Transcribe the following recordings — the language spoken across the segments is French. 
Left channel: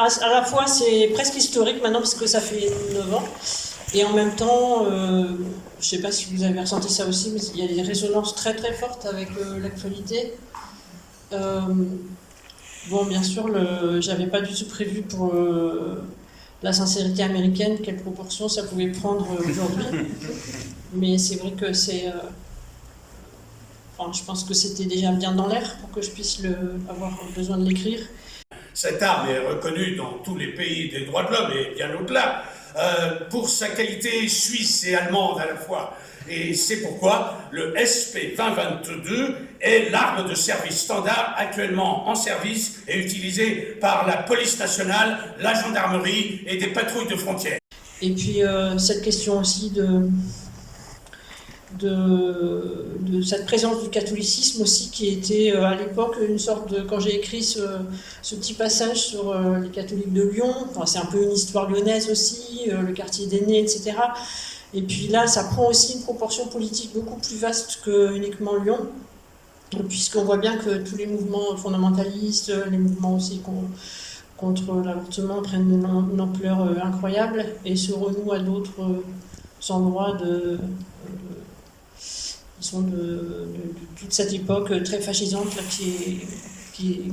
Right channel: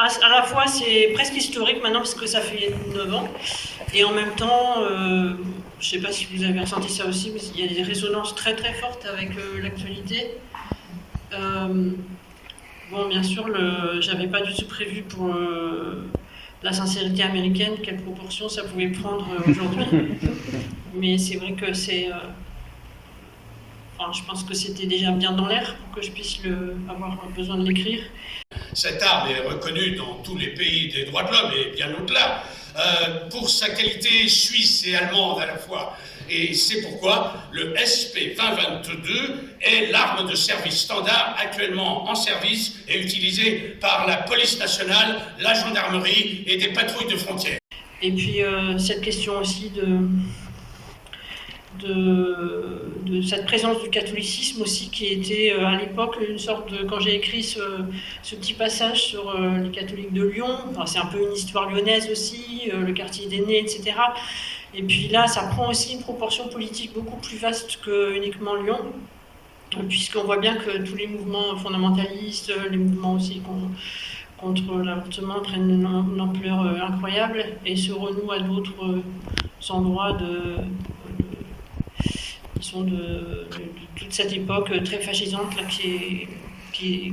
à la fois c'est presque historique maintenant parce que ça fait 9 ans, et en même temps, je ne sais pas si vous avez ressenti ça aussi, mais il y a des résonances très très fortes avec l'actualité. Bon, bien sûr, j'avais pas du tout prévu pour la sincérité américaine, quelle proportion ça pouvait prendre aujourd'hui. Mais c'est vrai que enfin, je pense que c'était déjà bien dans l'air pour que je puisse avoir besoin de l'écrire. Cette arme est reconnue dans tous les pays des droits de l'homme et bien au-delà, pour sa qualité suisse et allemande à la fois. Et c'est pourquoi le SP2022 est l'arme de service standard actuellement en service et utilisée par la police nationale, la gendarmerie et des patrouilles de frontières. Et puis cette question aussi de cette présence du catholicisme aussi, qui était à l'époque une sorte de... Quand j'ai écrit ce petit passage sur les catholiques de Lyon, enfin, c'est un peu une histoire lyonnaise aussi, le quartier des nés, etc. Et puis là, ça prend aussi une proportion politique beaucoup plus vaste que uniquement Lyon, puisqu'on voit bien que tous les mouvements fondamentalistes, les mouvements aussi contre l'avortement prennent une ampleur incroyable et se renouent à d'autres endroits qui sont de toute cette époque très fascisante là, qui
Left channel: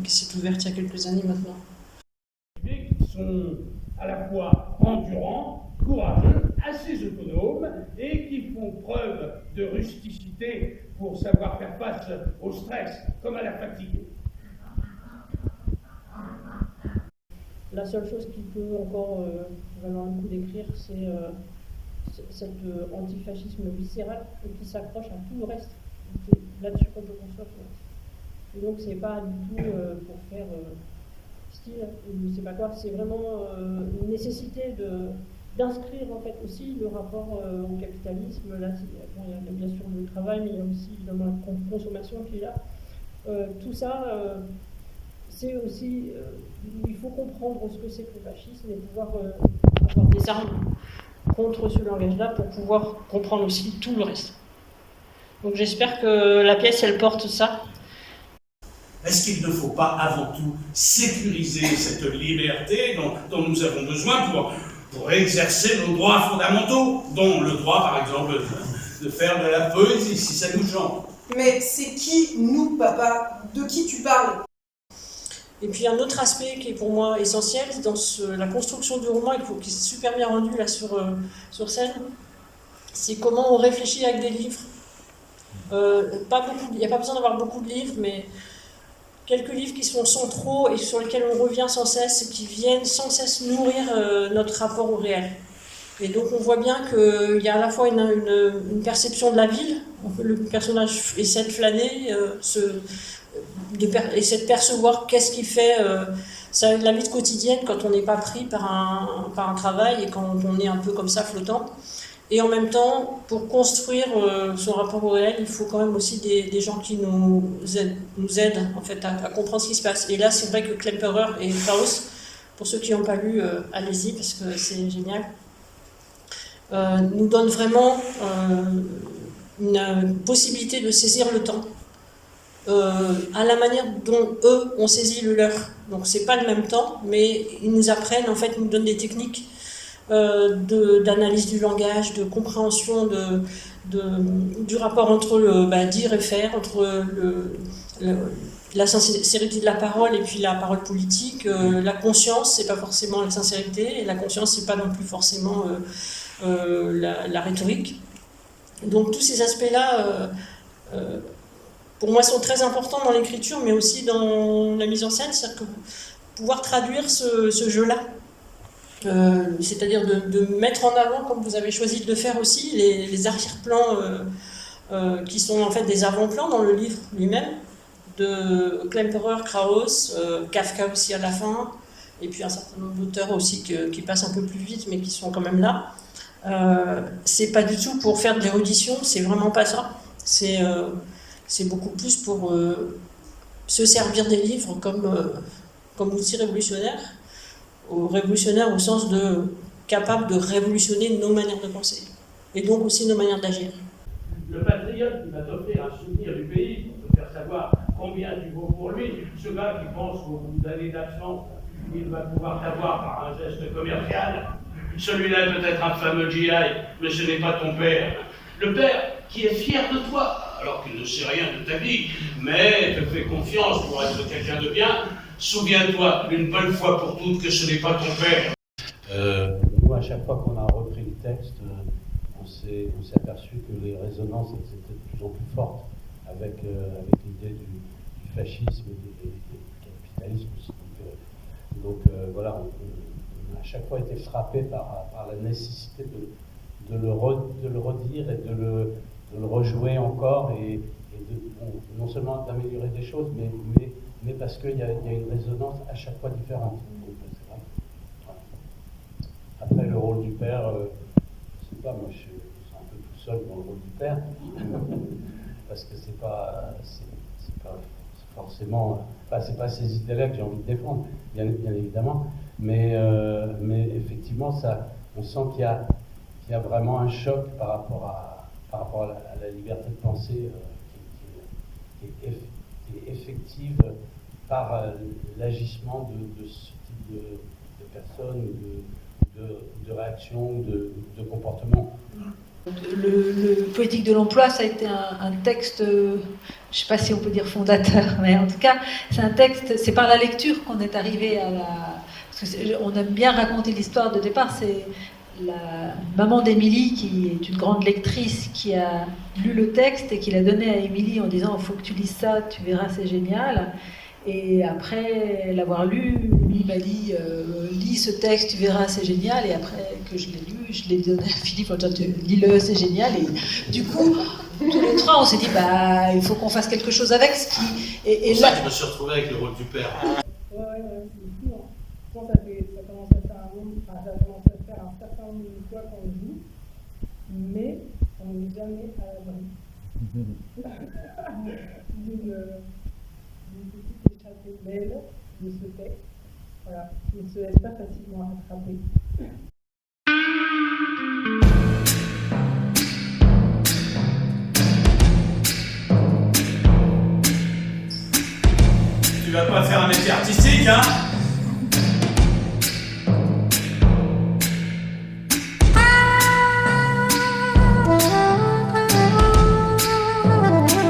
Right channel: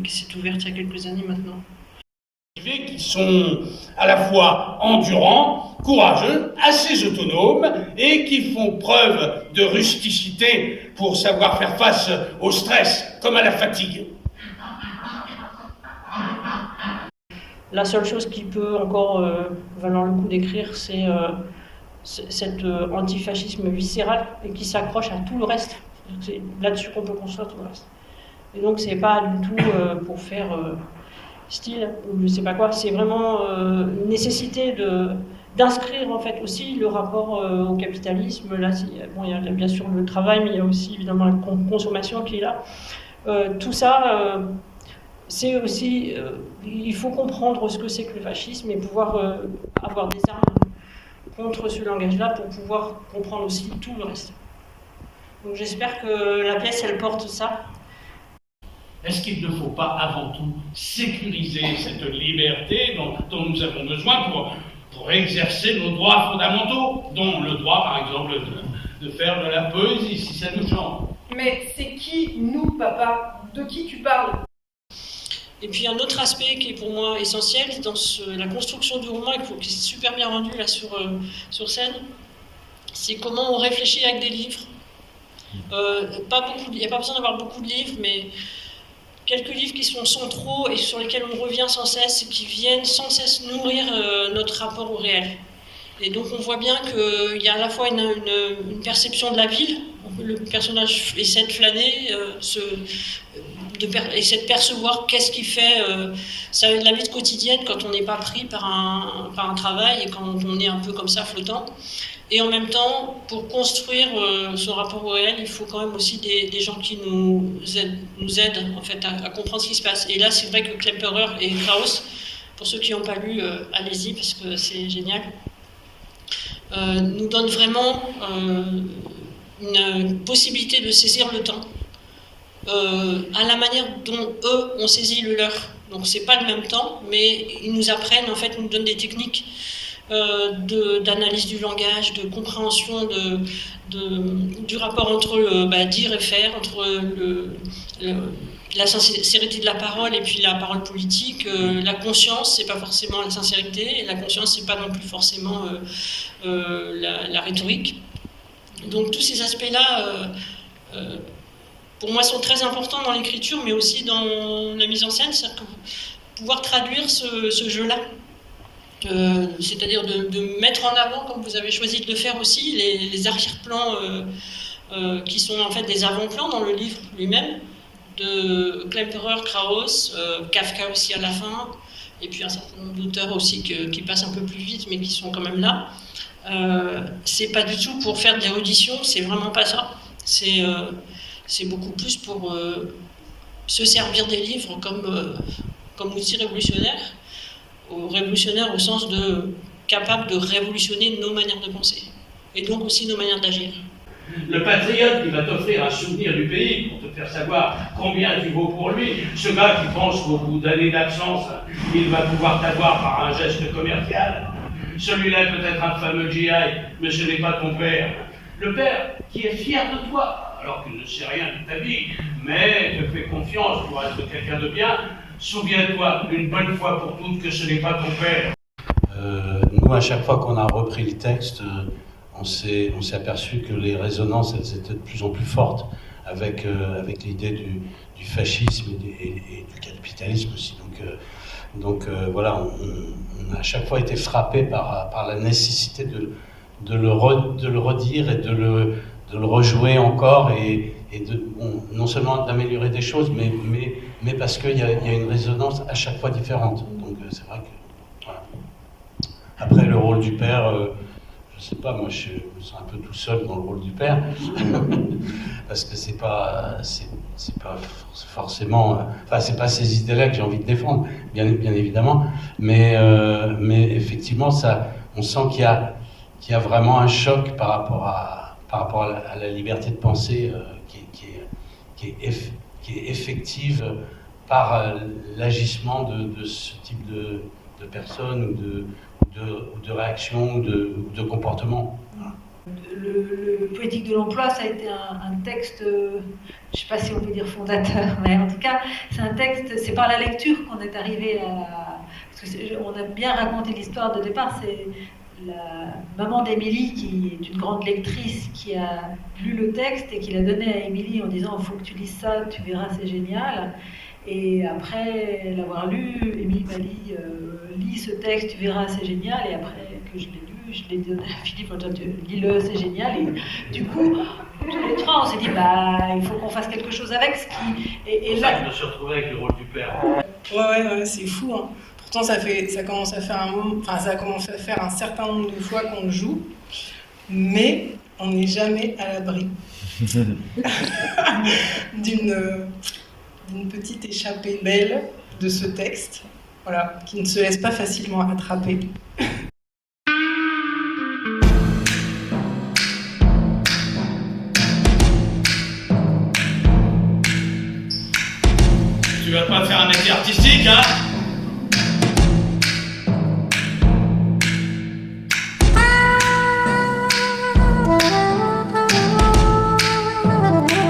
s'est ouverte il y a quelques années maintenant. Qui sont à la fois endurants, courageux, assez autonomes et qui font preuve de rusticité pour savoir faire face au stress comme à la fatigue. La seule chose qui peut encore valoir le coup d'écrire, c'est cet antifascisme viscéral et qui s'accroche à tout le reste. C'est là-dessus qu'on peut construire tout le reste. Et donc c'est pas du tout pour faire style ou je sais pas quoi, c'est vraiment une nécessité d'inscrire en fait aussi le rapport au capitalisme. Là, il y a bien sûr le travail, mais il y a aussi évidemment la consommation qui est là. Tout ça, c'est aussi, il faut comprendre ce que c'est que le fascisme et pouvoir avoir des armes contre ce langage-là pour pouvoir comprendre aussi tout le reste. Donc j'espère que la pièce, elle porte ça. Est-ce qu'il ne faut pas avant tout sécuriser cette liberté dont nous avons besoin pour exercer nos droits fondamentaux, dont le droit, par exemple, de faire de la poésie, si ça nous chante? Mais c'est qui, nous, papa? De qui tu parles? Et puis un autre aspect qui est pour moi essentiel dans la construction du roman, qui est super bien rendu là sur scène, c'est comment on réfléchit avec des livres. Il n'y a pas besoin d'avoir beaucoup de livres, mais quelques livres qui sont centraux et sur lesquels on revient sans cesse, et qui viennent sans cesse nourrir notre rapport au réel. Et donc on voit bien qu'il y a à la fois une perception de la ville, le personnage essaie de flâner, essaie de percevoir qu'est-ce qui fait la vie quotidienne quand on n'est pas pris par un travail et quand on est un peu comme ça flottant. Et en même temps, pour construire ce rapport au réel, il faut quand même aussi des gens qui nous aident en fait, à comprendre ce qui se passe. Et là, c'est vrai que Klemperer et Krauss, pour ceux qui n'ont pas lu, allez-y parce que c'est génial, nous donnent vraiment une possibilité de saisir le temps à la manière dont eux ont saisi le leur. Donc c'est pas le même temps, mais ils nous apprennent, en fait, nous donnent des techniques d'analyse du langage, de compréhension du rapport entre dire et faire, entre la sincérité de la parole et puis la parole politique. La conscience, c'est pas forcément la sincérité, et la conscience, c'est pas non plus forcément la rhétorique. Donc tous ces aspects-là, pour moi, sont très importants dans l'écriture, mais aussi dans la mise en scène, c'est-à-dire pouvoir traduire ce jeu-là. C'est-à-dire de mettre en avant, comme vous avez choisi de le faire aussi, les arrière-plans qui sont en fait des avant-plans dans le livre lui-même, de Klemperer, Krauss, Kafka aussi à la fin, et puis un certain nombre d'auteurs aussi qui passent un peu plus vite, mais qui sont quand même là. C'est pas du tout pour faire de l'érudition, c'est vraiment pas ça. C'est beaucoup plus pour se servir des livres comme outil révolutionnaire au sens de capable de révolutionner nos manières de penser, et donc aussi nos manières d'agir. Le patriote qui va t'offrir un souvenir du pays pour te faire savoir combien tu vaux pour lui. Ce gars qui pense qu'au bout d'années d'absence, il va pouvoir t'avoir par un geste commercial. Celui-là est peut-être un fameux GI, mais ce n'est pas ton père. Le père qui est fier de toi, alors qu'il ne sait rien de ta vie, mais te fait confiance pour être quelqu'un de bien. Souviens-toi une bonne fois pour toutes que ce n'est pas ton père. Nous, à chaque fois qu'on a repris le texte, on s'est aperçu que les résonances elles étaient de plus en plus fortes avec l'idée du fascisme et du capitalisme aussi. Donc voilà, on a à chaque fois été frappé par la nécessité de le redire et de le rejouer encore et non seulement d'améliorer des choses, mais parce qu'il y a une résonance à chaque fois différente. Donc c'est vrai que voilà. Après le rôle du père, je sais pas, moi je suis un peu tout seul dans le rôle du père parce que c'est pas forcément, enfin c'est pas ces idées-là que j'ai envie de défendre, bien évidemment, mais effectivement on sent qu'il y a vraiment un choc par rapport à la liberté de penser qui est effective par l'agissement de ce type de personnes ou de réactions ou de comportements. Le Poétique de l'emploi, ça a été un texte, je ne sais pas si on peut dire fondateur, mais en tout cas, c'est un texte, c'est par la lecture qu'on est arrivé à la... Parce qu'on aime bien raconter l'histoire de départ, c'est la maman d'Émilie, qui est une grande lectrice, qui a lu le texte et qui l'a donné à Émilie en disant « il faut que tu lises ça, tu verras, c'est génial ». Et après l'avoir lu, Émilie m'a dit lis ce texte, tu verras, c'est génial. Et après que je l'ai lu, je l'ai donné à Philippe en disant lis-le, c'est génial. Et du coup, tous les trois, on s'est dit il faut qu'on fasse quelque chose avec ce qui. Et là, je me suis retrouvé avec le rôle du père. Ouais, c'est fou. Hein. Pourtant, ça commence à faire un certain nombre de fois qu'on le joue, mais on n'est jamais à l'abri d'une petite échappée belle de ce texte, voilà, qui ne se laisse pas facilement attraper. Tu vas pas faire un métier artistique, hein?